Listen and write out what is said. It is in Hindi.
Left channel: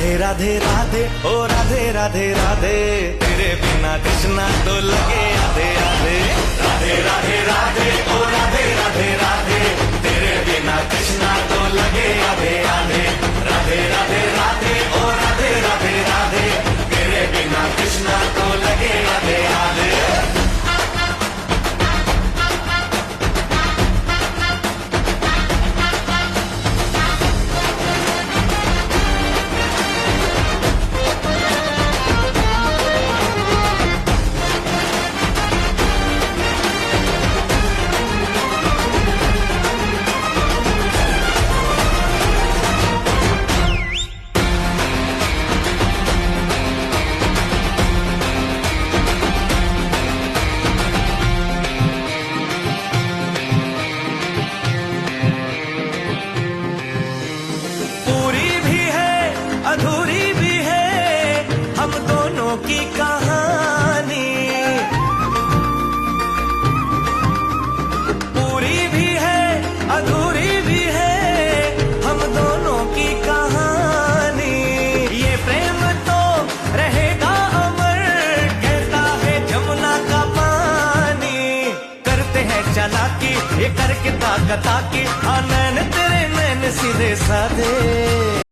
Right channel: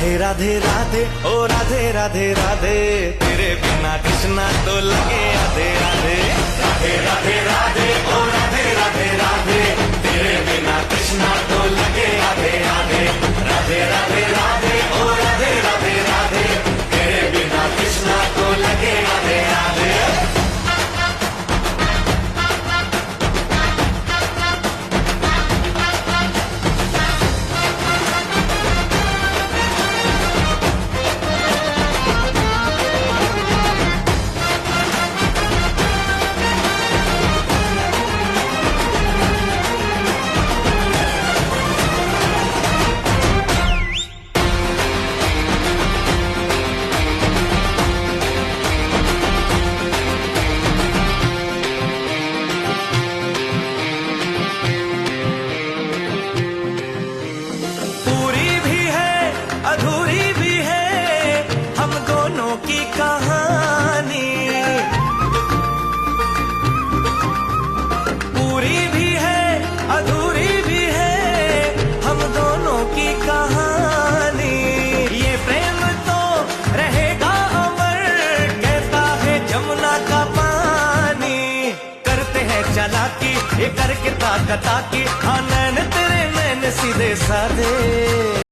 राधे राधे राधे ओ राधे राधे राधे, तेरे बिना कृष्णा तो लगे आधे आधे। राधे राधे राधे ओ राधे राधे राधे, तेरे बिना कृष्णा तो लगे आधे आधे। राधे राधे राधे ओ राधे राधे राधे, तेरे बिना कृष्णा तो लगे आधे आधे। अधूरी भी है हम दोनों की कहानी, पूरी भी है अधूरी भी है हम दोनों की कहानी। ये प्रेम तो रहेगा अमर, कहता है जमुना का पानी। करते हैं चालाकी ये करके ताकता की, नैन तेरे नैन सीधे साधे।